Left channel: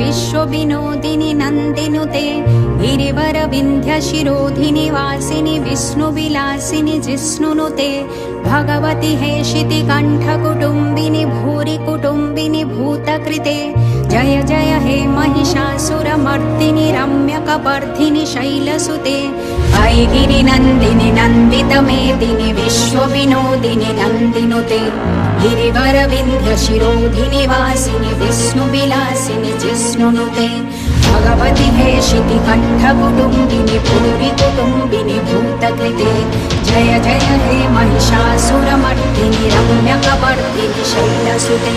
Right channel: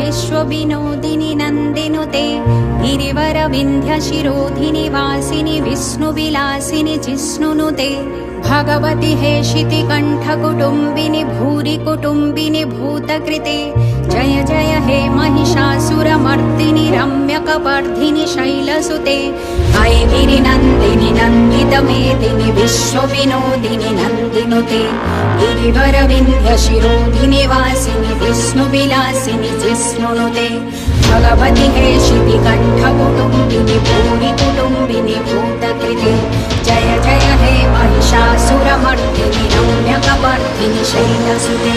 विश्वविनोदिनि नन्दिनुते गिरिवरविन्ध्यशिरोधिनि वासिनि विष्णुविलासिनि जिष्णुनुते भगवति हेशिति कण्ठकुटुम्बिनि भूरि कुटुम्बिनि भूतकृते जय जय हे महिषासुरमर्दिनि रम्यकपर्दिनि शैलसुते ऐगिरिनन्दिनि नन्दितमेदिनि विश्वविनोदिनि नन्दिनुते गिरिवरविन्ध्यशिरोधिनि वासिनि विष्णुविलासिनि जिष्णुनुते भगवति हेशिति कण्ठकुटुम्बिनि भूरि कुटुम्बिनि भूतकृते जय जय हे महिषासुरमर्दिनि रम्यकपर्दिनि शैलसुते।